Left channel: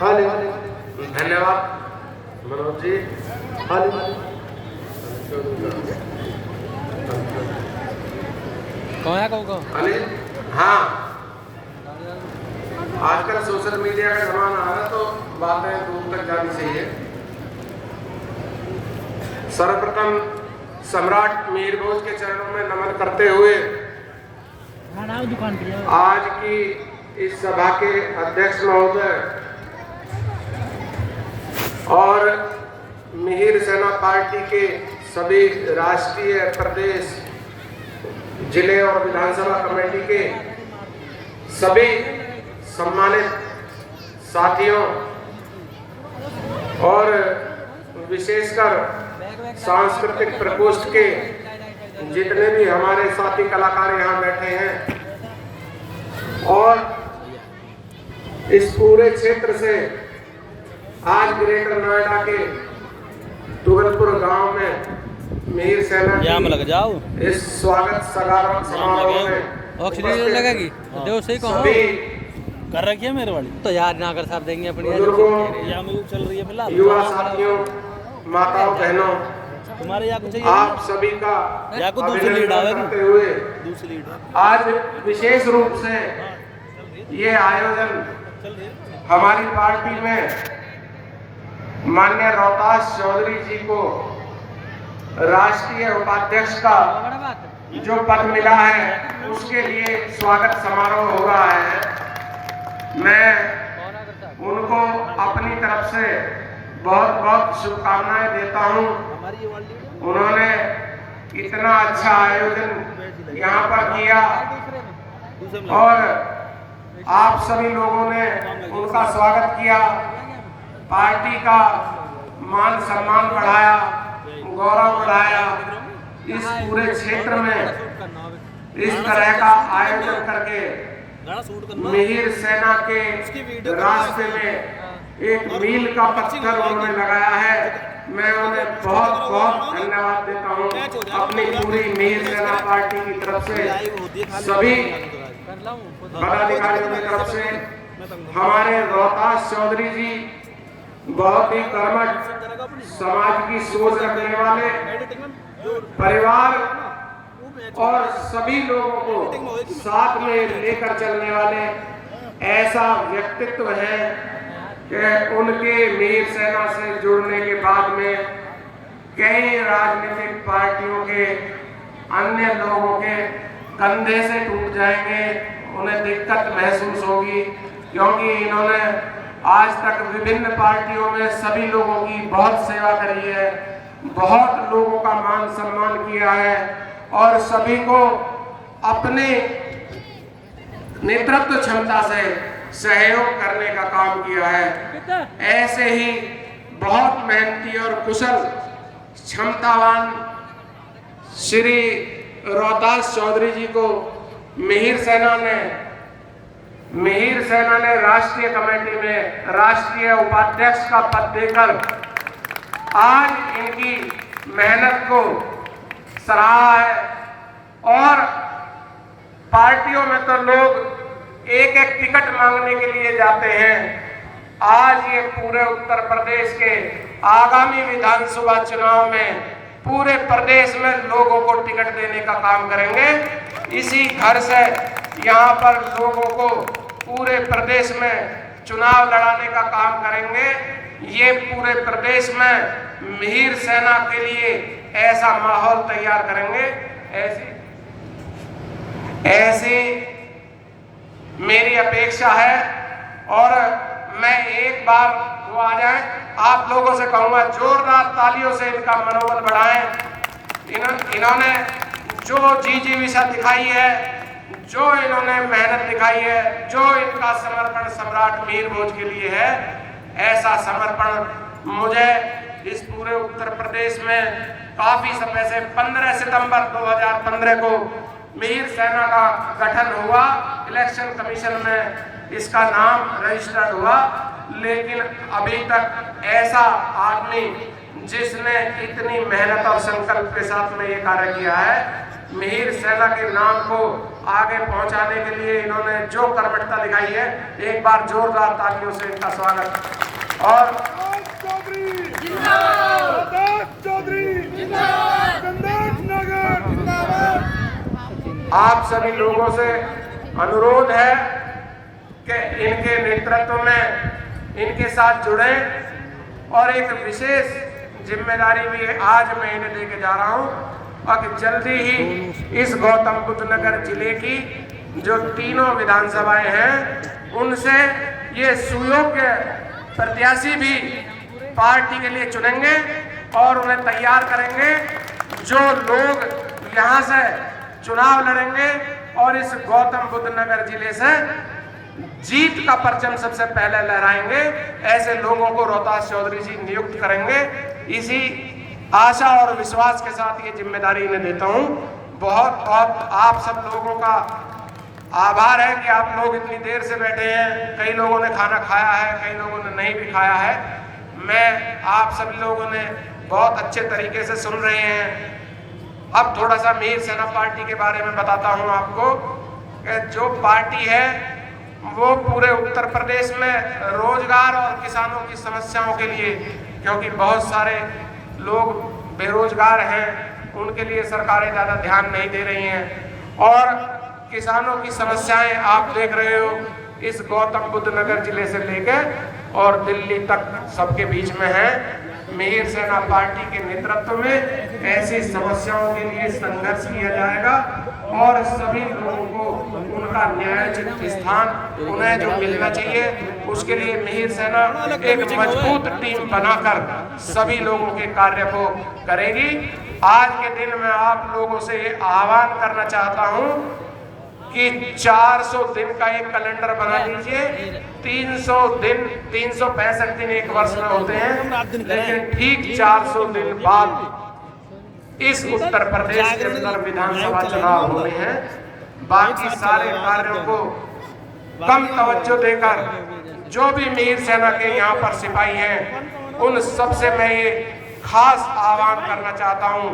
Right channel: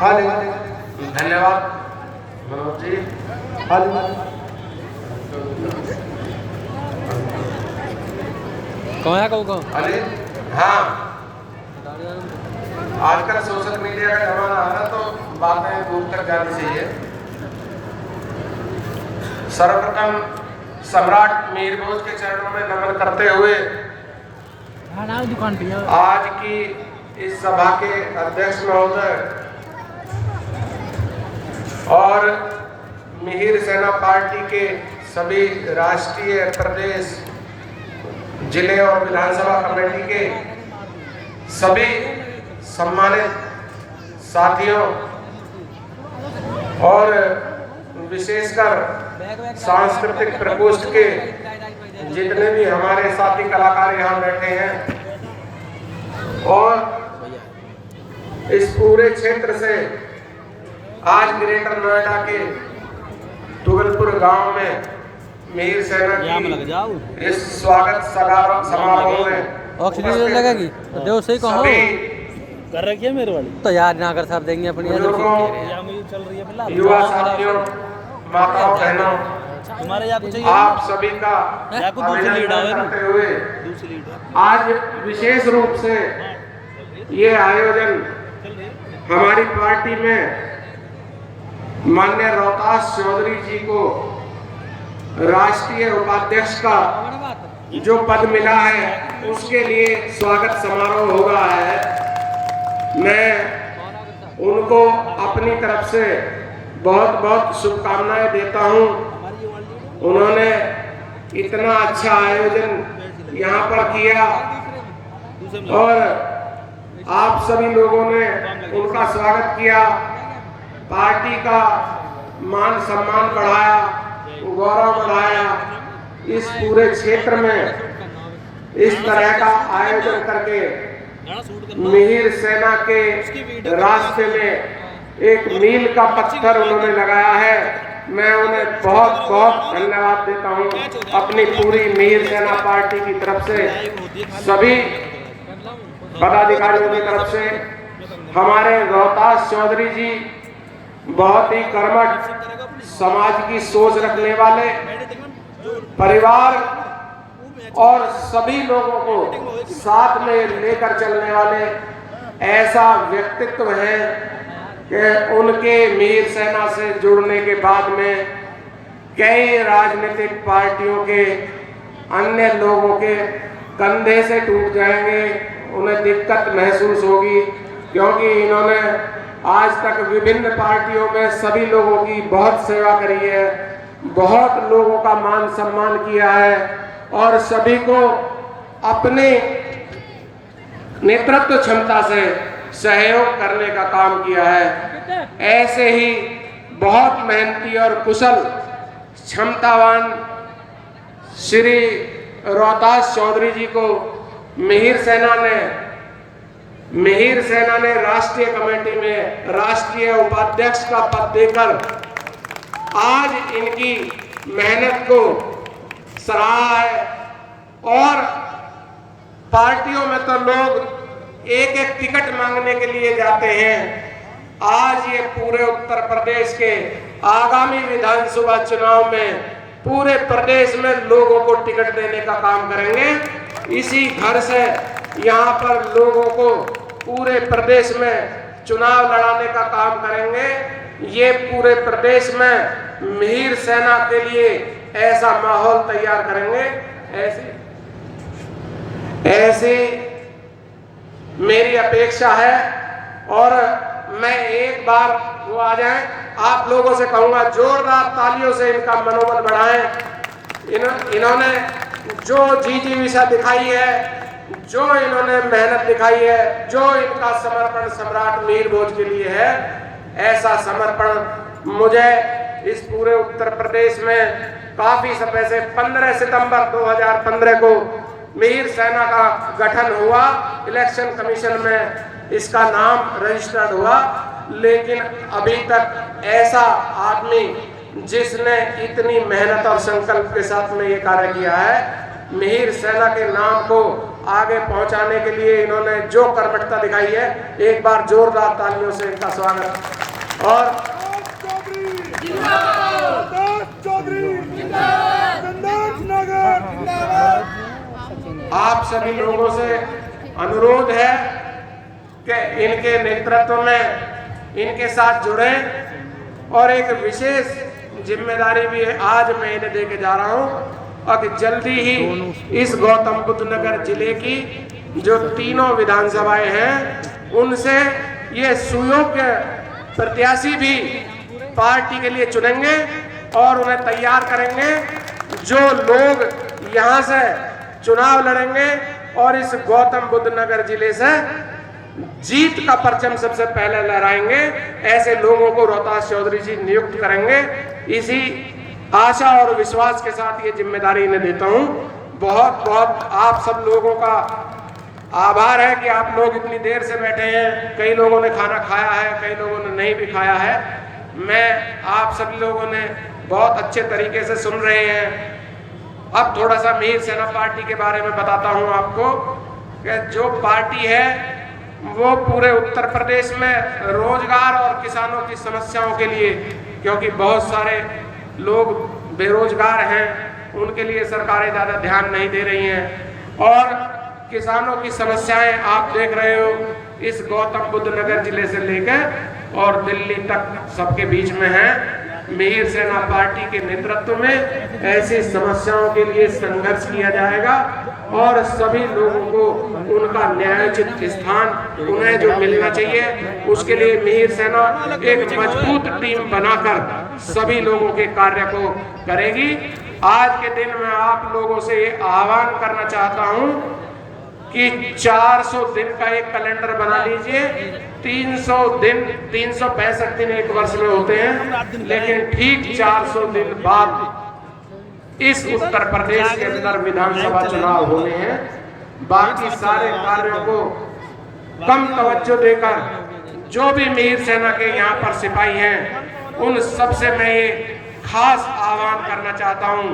धन्यवाद मनोज जी। कौन है कौन अरे हाँ, आजकल सोशल मीडिया का जमाना आ रहा तो बातें दूर तक जानी चाहिए। सर्वप्रथम सम्राट मिहिर भोज के चरणों में नमन करते हुए आज की इस सभा के अध्यक्ष महोदय और मिहिर सेना पार्टी के सभी राष्ट्रीय, प्रदेश, जिले और विधानसभा कमेटी के सभी सम्मानित साथियों और विशेषकर सांस्कृतिक प्रकोष्ठ के जितने भी हमारे साथी कलाकार यहाँ बैठे हैं और इस पूरे क्षेत्र से आज ग्रेटर नोएडा के तुगलपुर गांव में मिहिर सेना की इस स्वागत समारोह में ऑक्सीजन लगेगी तो देव सही कहो कर रखी है मेरे वाली तो याद ना कर साहब देंगे अपनी चल रही है युवा साथियों, माताओं, बहनों, तुम्हारे यहाँ कुछ आप सभी का या को दूसरी लीड आवे करते हुए दूसरी लीड आज विशेष रूप से ये आयोजन हमारी पार्टी में माननीय रोहतास चौधरी जी को राष्ट्रीय उपाध्यक्ष का जो पद मिला है उसके लिए स्वागत समारोह हुआ है। मैं उनको अपनी तरफ से बहुत बहुत शुभकामनाएं देता हूं। उन्होंने इतना अच्छा आयोजन यहाँ पर किया और आप सभी लोगों ने उनका स्वागत किया, पार्टी का मान सम्मान बढ़ाया, गौरव बढ़ाया। इस पूरे क्षेत्र में इस तरह का आयोजन करके मिहिर सेना के रास्ते में एक मील का पत्थर उन्होंने लगाया है। मैं उन्हें बहुत बहुत धन्यवाद देता हूं अपनी पूरी मिहिर सेना पार्टी की तरफ से, सभी पदाधिकारियों की तरफ से। हमारे रोहतास चौधरी जी बहुत ही कर्मठ, समाज की सोच रखने वाले, परिवार और सभी लोगों को साथ में लेकर चलने वाले ऐसा व्यक्तित्व है कि उनके मिहिर सेना से जुड़ने के बाद में कई राजनीतिक पार्टियों के अन्य लोगों के कंधे से टूट जाएंगे, उन्हें दिक्कत महसूस होगी, क्योंकि इन्होंने आज तक विभिन्न पार्टियों में सभी लोगों की बहुत सेवा करी है, बहुत लोगों का मान सम्मान किया है और सभी को अपने नेतृत्व क्षमता से सहयोग करने का काम किया है। ऐसे ही बहुत मेहनती और कुशल, क्षमतावान श्री रोहतास चौधरी जी को मिहिर सेना ने राष्ट्रीय कमेटी में राष्ट्रीय उपाध्यक्ष का पद देकर आज इनकी मेहनत को सराहा है। और पार्टियों में तो लोग एक एक टिकट मांगने के लिए जाते हैं, आज ये पूरे उत्तर प्रदेश के आगामी विधानसभा चुनाव में पूरे प्रदेश में लोगों को टिकट देने का काम करेंगे। इसी घर से यहाँ पर लोगों को पूरे प्रदेश में चुनाव लड़ाने का काम करेंगे। ये पूरे प्रदेश में मिहिर सेना के लिए ऐसा माहौल तैयार करेंगे। ऐसी मेरी अपेक्षा है और मैं एक बार वो आ जाए, आप लोगों से कहूंगा जोरदार तालियों से इनका मनोबल बढ़ाएं। इन्होंने जो जी विषय दिखाई है, जो इन्होंने मेहनत दिखाई है, जो इनका समर्पण सम्राट मिहिर भोज के लिए है, ऐसा समर्पण मुझे इस पूरे उत्तर प्रदेश में काफी समय से 15 सितंबर 2015 को मिहिर सेना का गठन हुआ, इलेक्शन कमीशन में इसका नाम रजिस्टर्ड हुआ, लेकिन अभी तक ऐसा आदमी जिसने इतनी मेहनत और संकल्प के साथ में ये कार्य किया है, मिहिर सेना के नाम को आगे पहुंचाने के लिए इन्होंने जो कर्मठता दिखाई है, एक बार जोरदार तालियों से इनका स्वागत। और आप सभी लोगों से अनुरोध है कि इनके नेतृत्व में इनके साथ जुड़े, और एक विशेष जिम्मेदारी भी आज मैं इन्हें लेके जा रहा हूं। अब जल्दी ही इस गौतम बुद्ध नगर जिले की जो तीनों विधानसभाएं हैं, उनसे ये सुयोग्य प्रत्याशी भी पार्टी के लिए चुनेंगे और उन्हें तैयार करेंगे। जो लोग यहाँ से चुनाव लड़ेंगे और इस गौतम बुद्ध नगर जिले से जीत का परचम सबसे पहले लहराएंगे, ऐसे लोगों को रोहतास चौधरी जी नियुक्त करेंगे। इसी आशा और विश्वास के साथ ये जिम्मेदारी इन्हें देता हूँ। बहुत बहुत आप सब लोगों का आभार है कि आप लोग इतनी देर से बैठे हैं। कई लोगों ने खाना खाया है, कई लोगों ने नहीं भी खाया है। मैं आप सभी लोगों ने बहुत अच्छे तरीके से सुन रहे हैं। अब थोड़ा सा मिहिर सेना पार्टी के बारे में बताता हूँ आपको कि जो पार्टी है वो पूरे उत्तर प्रदेश में रोजगार और किसानों की समस्याओं के लिए, क्योंकि बहुत सारे लोग बेरोजगार हैं, उनके लिए सरकारें ज़्यादा ध्यान नहीं दे रही हैं। और किसानों की समस्याएं आप देख रहे हो, इस गौतम बुद्ध नगर जिले से लेकर और दिल्ली तक सबके बीच में है। मिहिर सेना पार्टी के नेतृत्व में ऐसी समस्याओं के लिए संघर्ष किया जाएगा और सभी लोगों को उनका न्यायोचित स्थान उन्हें जो मिलना चाहिए, उसके लिए मिहिर सेना एक मजबूत टीम बनाकर सभी लोगों के कार्य को करेगी। आज के दिन मैं आप लोगों से ये आह्वान करना चाहता हूँ कि 400 दिन का एक कैलेंडर बना लीजिए। 300 दिन, 365 दिन एक वर्ष में होते हैं, लेकिन ठीक 400 दिन बाद इस उत्तर प्रदेश के अंदर विधानसभा चुनाव होने हैं। बाकी सारे कार्यों को कम तवज्जो देकर जो भी मिहिर सेना के यहाँ पर सिपाही हैं, उन सबसे मैं ये खास आह्वान करना चाहता हूँ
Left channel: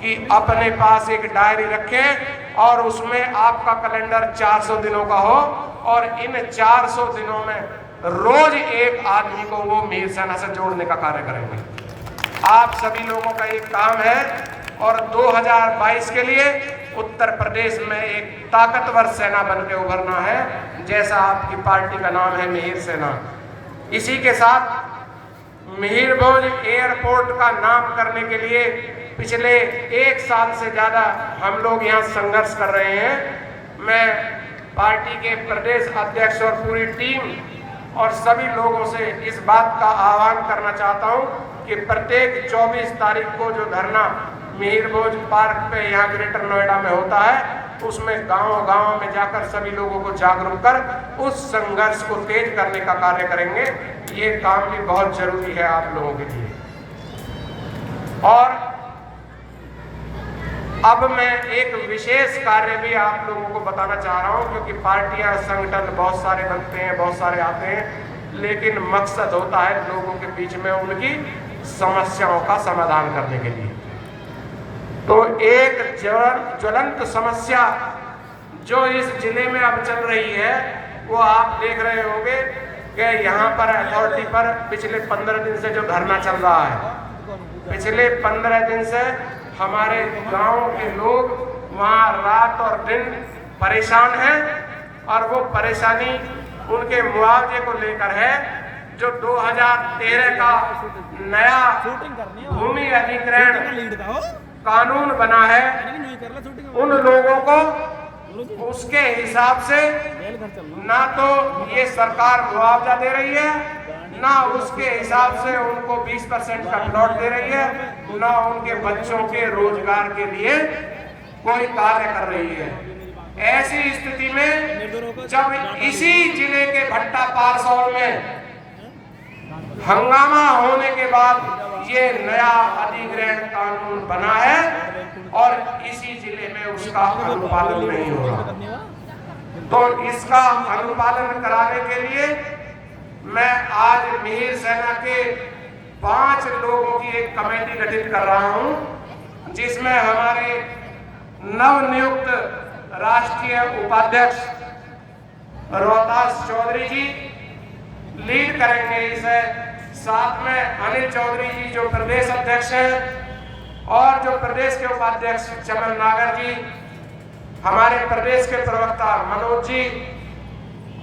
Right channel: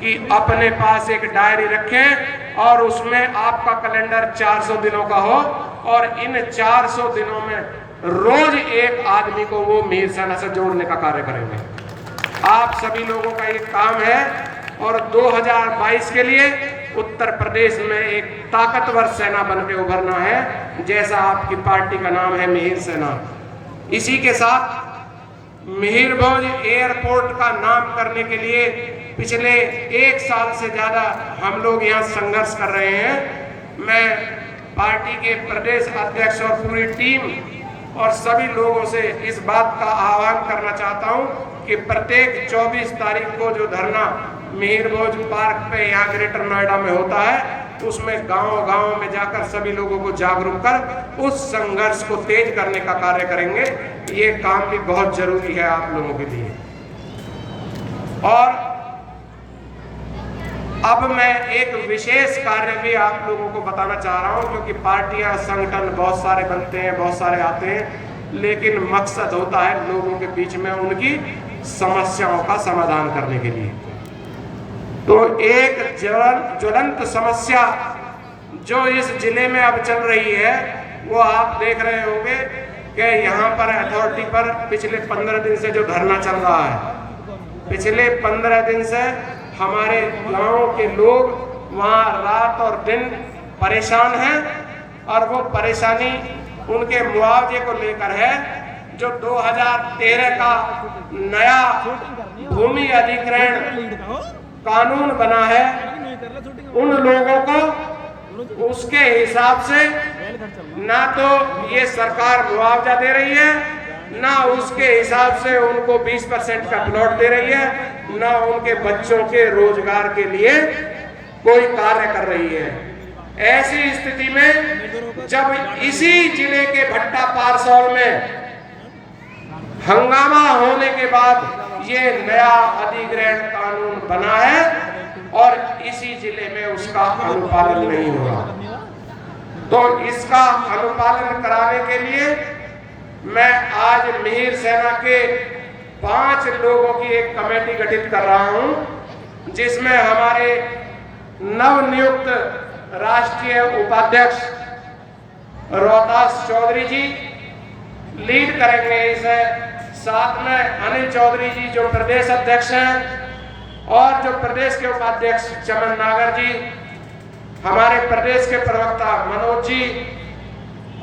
कि अपने पास एक डायरी रखें और उसमें आपका कैलेंडर 400 दिनों का हो, और इन 400 दिनों में रोज एक आदमी को वो मिहिर सेना से जोड़ने का कार्य करेंगे। आप सभी लोगों का एक काम है, और 2022 के लिए उत्तर प्रदेश में एक ताकतवर सेना बन के उभरना है, जैसा आपकी पार्टी का नाम है मिहिर सेना। इसी के साथ मिहिर भोज एयरपोर्ट का नाम करने के लिए पिछले 1 साल से ज्यादा हम लोग यहाँ संघर्ष कर रहे हैं। मैं पार्टी के प्रदेश अध्यक्ष और पूरी टीम और सभी लोगों से इस बात का आह्वान करना चाहता हूँ कि प्रत्येक 24 तारीख को जो धरना मिहिर भोज पार्क पे यहाँ ग्रेटर नोएडा में होता है, उसमें गांव-गांव में जाकर सभी लोगों को जागरूक कर उस संघर्ष को तेज करने का कार्य करेंगे। ये काम भी बहुत जरूरी है आप लोगों के लिए। और अब मैं एक विशेष कार्य भी आप लोगों को बताना चाह रहा हूं, क्योंकि पार्टियां संगठन बहुत सारे बनते हैं, बहुत सारे आते हैं, लेकिन मकसद होता है लोगों के बीच में उनकी समस्याओं का समाधान करने के लिए। तो एक ज्वलंत समस्या जो इस जिले में अब चल रही है, वो आप देख रहे होंगे कि यहाँ पर अथॉरिटी पर पिछले 15 दिन से जो धरना चल रहा है, पिछले 15 दिन से हमारे गांव के लोग वहाँ रात और दिन परेशान हैं, और वो परेशानी उनके मुआवजे को लेकर है। जो 2013 का नया भूमि अधिग्रहण कानून बना है, उन लोगों को उसके हिसाब से ना तो ये सरकार मुआवजा दे रही है, ना उसके हिसाब से उनको 20% का प्लॉट दे रही है, ना उनके बच्चों के रोजगार के लिए कोई कार्य कर रही है। ऐसी स्थिति में जब इसी जिले के भट्टा पारसौल में हंगामा होने के बाद ये नया अधिग्रहण कानून बना है और इसी जिले में उसका अनुपालन नहीं होगा, तो इसका अनुपालन कराने के लिए मैं आज मिहिर सेना के 5 लोगों की एक कमेटी गठित कर रहा हूं, जिसमें हमारे नवनियुक्त राष्ट्रीय उपाध्यक्ष रोहतास चौधरी जी लीड करेंगे इसे। साथ में अनिल चौधरी जी जो प्रदेश अध्यक्ष हैं और जो प्रदेश के उपाध्यक्ष चमन नागर जी, हमारे प्रदेश के प्रवक्ता मनोज जी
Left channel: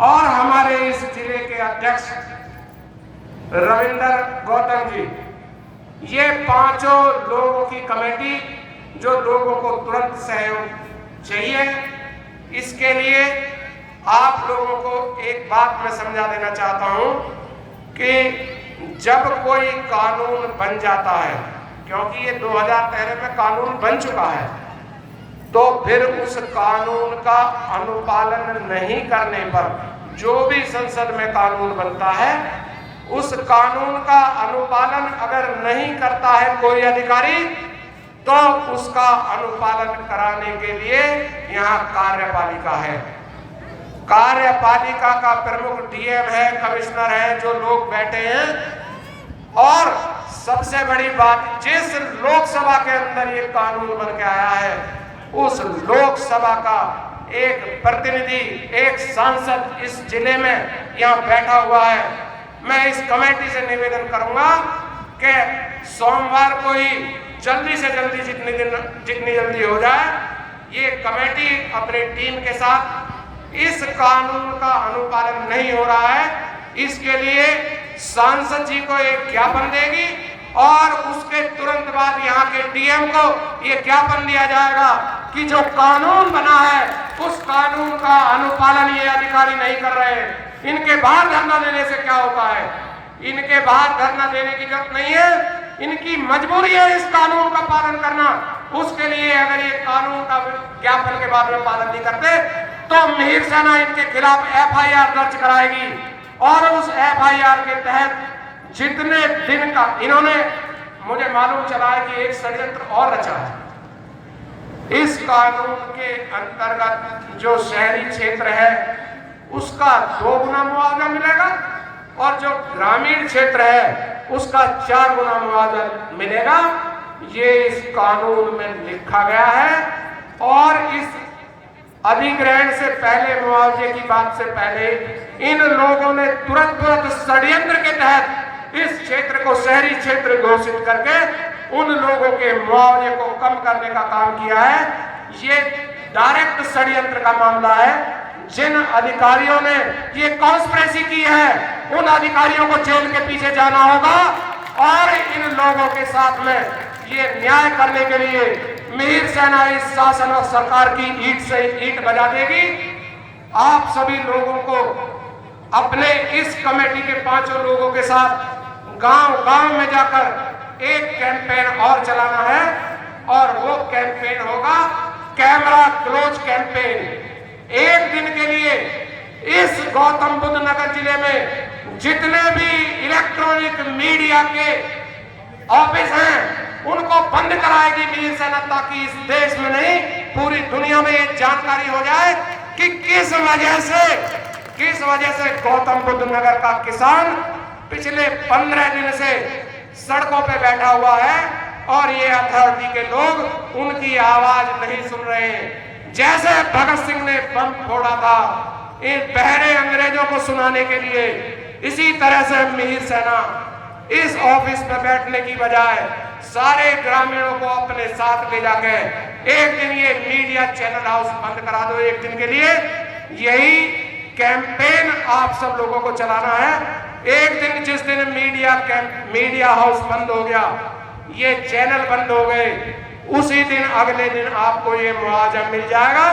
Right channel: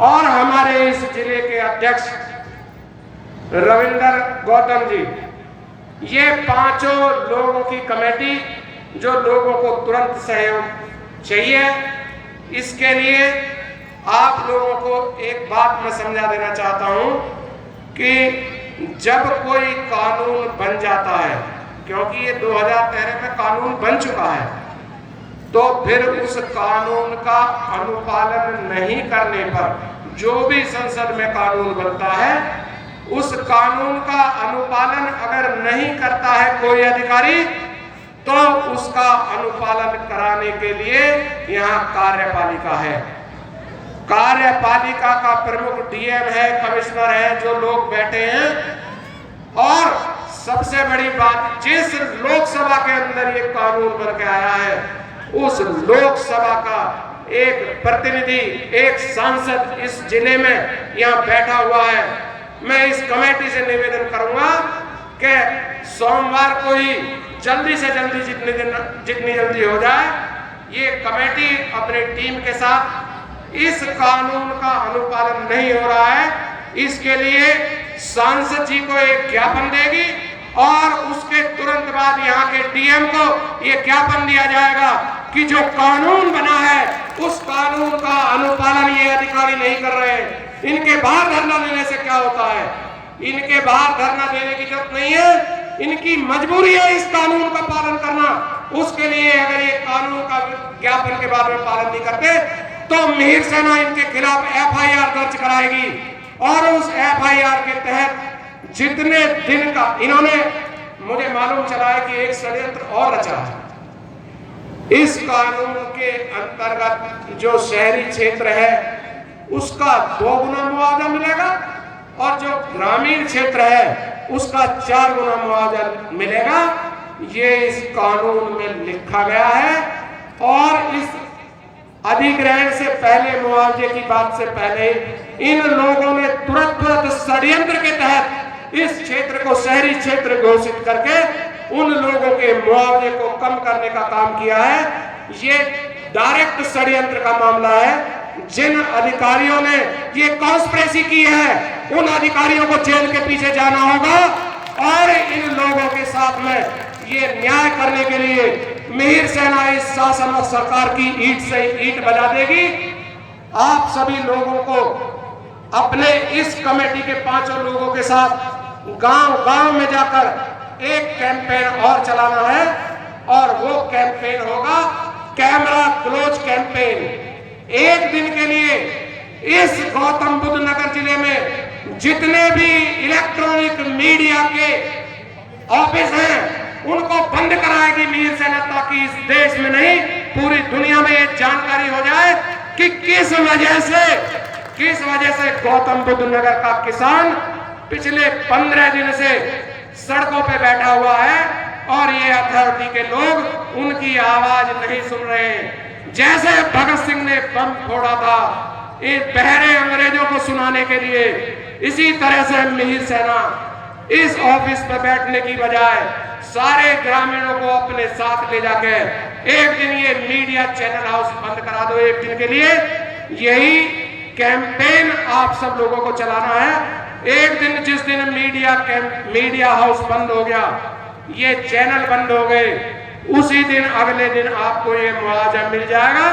और हमारे इस जिले के अध्यक्ष रविंदर गौतम जी, ये पांचों लोगों की कमेटी जो लोगों को तुरंत सहयोग चाहिए, इसके लिए आप लोगों को एक बात मैं समझा देना चाहता हूं कि जब कोई कानून बन जाता है, क्योंकि ये 2013 में कानून बन चुका है, तो फिर उस कानून का अनुपालन नहीं करने पर जो भी संसद में कानून बनता है, उस कानून का अनुपालन अगर नहीं करता है कोई अधिकारी, तो उसका अनुपालन कराने के लिए यहाँ कार्यपालिका है। कार्यपालिका का प्रमुख डीएम है, कमिश्नर है, जो लोग बैठे हैं। और सबसे बड़ी बात, जिस लोकसभा के अंदर ये कानून बन के आया है, उस लोकसभा का एक प्रतिनिधि, एक सांसद इस जिले में यहाँ बैठा हुआ है। मैं इस कमेटी से निवेदन करूंगा कि सोमवार को ही जल्दी से जल्दी जितनी जल्दी हो जाए, ये कमेटी अपने टीम के साथ इस कानून का अनुपालन नहीं हो रहा है, इसके लिए सांसद जी को एक ज्ञापन देगी और उसके तुरंत बाद यहाँ के डीएम को ये ज्ञापन दिया जाएगा कि जो कानून बना है उस कानून का अनुपालन ये अधिकारी नहीं कर रहे हैं। इनके बाहर धरना देने से क्या होता है? इनके बाहर धरना देने की जरूरत नहीं है, इनकी मजबूरी है इस कानून का पालन करना। उसके लिए अगर ये कानून का ज्ञापन के बाद में पालन नहीं करते तो मिहिर सेना इनके खिलाफ एफआईआर दर्ज कराएगी और उस एफआईआर के तहत जितने दिन का इन्होंने, मुझे मालूम चला है कि एक षड्यंत्र और रचा है। इस कानून के अंतर्गत जो शहरी क्षेत्र है उसका 2 गुना मुआवजा मिलेगा और जो ग्रामीण क्षेत्र है उसका 4 गुना मुआवजा मिलेगा। ये इस कानून में लिखा गया है और इस अधिग्रहण से पहले, मुआवजे की बात से पहले, इन लोगों ने तुरंत षड्यंत्र के तहत इस क्षेत्र को शहरी क्षेत्र घोषित करके उन लोगों के मुआवजे को कम करने का काम किया है। ये डायरेक्ट षड्यंत्र का मामला है। जिन अधिकारियों ने ये कॉन्स्पिरेसी की है उन अधिकारियों को जेल के पीछे जाना होगा और इन लोगों के साथ में ये न्याय करने के लिए मिहिर सेना इस शासन और सरकार की ईंट से ईंट बजा देगी। आप सभी लोगों को अपने इस कमेटी के 5 लोगों के साथ गांव-गांव में जाकर एक कैंपेन और चलाना है और वो कैंपेन होगा कैमरा क्लोज कैंपेन। एक दिन के लिए इस गौतम बुद्ध नगर जिले में जितने भी इलेक्ट्रॉनिक मीडिया के ऑफिस हैं उनको बंद कराएगी मिहिर सेना, ताकि इस देश में नहीं पूरी दुनिया में ये जानकारी हो जाए कि किस वजह से गौतम बुद्ध नगर का किसान पिछले 15 दिन से सड़कों पे बैठा हुआ है और ये अथॉरिटी के लोग उनकी आवाज नहीं सुन रहे हैं। जैसे भगत सिंह ने बम फोड़ा था इन बहरे अंग्रेजों को सुनाने के लिए, इसी तरह से मिहिर सेना इस ऑफिस में बैठने की बजाय सारे ग्रामीणों को अपने साथ ले जाके एक दिन ये मीडिया चैनल हाउस बंद करा दो। एक दिन के लिए यही कैंपेन आप सब लोगों को चलाना है। एक दिन जिस दिन मीडिया हाउस बंद हो गया, ये चैनल बंद हो गए, उसी दिन अगले दिन आपको ये मुआवजा मिल जाएगा।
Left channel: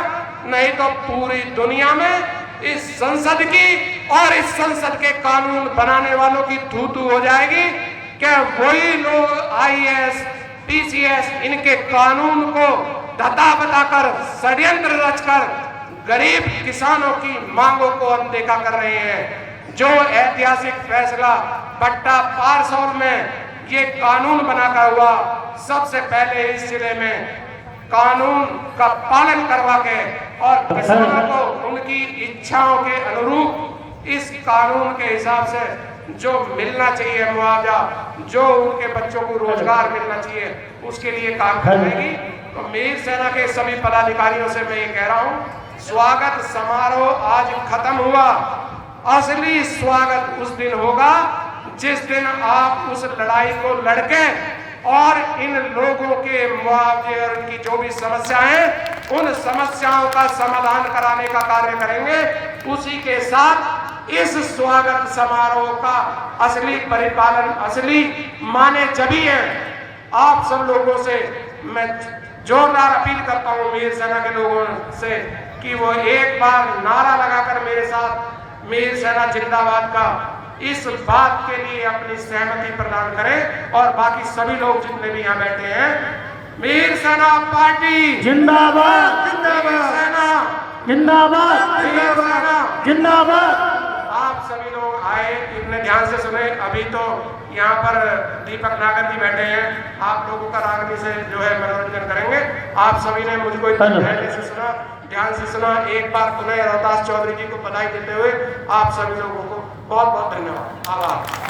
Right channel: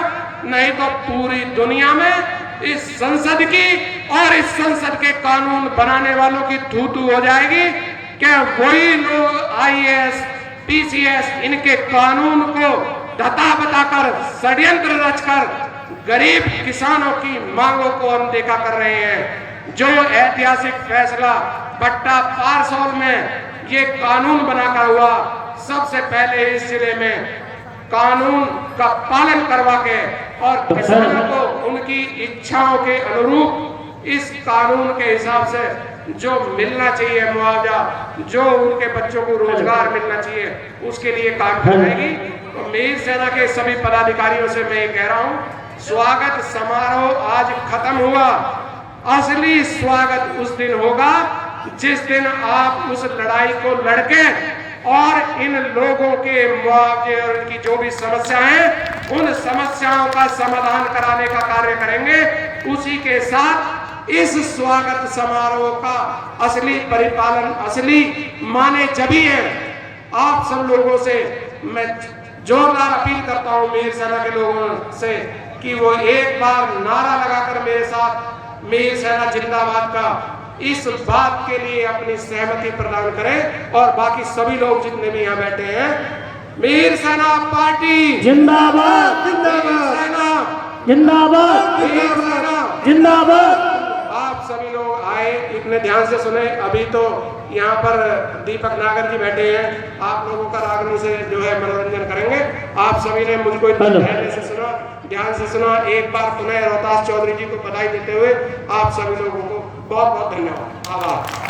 नहीं तो पूरी दुनिया में इस संसद की और इस संसद के कानून बनाने वालों की थू-थू हो जाएगी। क्या वही लोग आईएएस, पीसीएस इनके कानून को धता बताकर, षड्यंत्र रचकर गरीब किसानों की मांगों को अनदेखा कर रहे हैं। जो ऐतिहासिक फैसला पट्टा पारसौर में ये कानून बनाकर हुआ, सबसे पहले इस जिले में कानून का पालन करवा के और किसानों को उनकी इच्छाओं के अनुरूप इस कानून के हिसाब से जो मिलना चाहिए मुआवजा, जो उनके बच्चों को रोजगार मिलना चाहिए, उसके लिए काम करेगी। मीर सेना के सभी पदाधिकारियों से मैं ये कह रहा हूं, स्वागत समारोह आज खत्म हुआ। असली स्वागत उस दिन होगा जिस दिन आप उस लड़ाई को लड़के और इन लोगों के मुआवजे और इनकी जो भी समस्याएं हैं उन समस्याओं का समाधान कराने का कार्य करेंगे। उसी के साथ इस स्वागत समारोह का असली परिपालन, असली माने जभी है। आप सब लोगों से मैं जोरदार अपील करता हूं मीर सेना के लोगों से कि वो एक बार नारा लगाकर मेरे साथ मीर सेना जिंदाबाद का इस बात के लिए अपनी सहमति प्रदान करें। और बाकी सभी लोग जितने भी यहाँ बैठे हैं, मीर सेना पार्टी जिंदाबाद जिंदाबाद, जिंदाबाद जिंदाबाद, जिंदाबाद। आप सभी लोग आए, इतने ध्यान से सुने। अभी तो यहाँ पर दीपक नागर जी बैठे हैं, आप लोगों का रागनी से जो है मनोरंजन करेंगे। आप सभी ने मुझको ध्यान से सुना। एक बार पुनः रोहतास चौधरी जी को बधाई देते हुए आप सभी लोगों को बहुत बहुत धन्यवाद, आभार।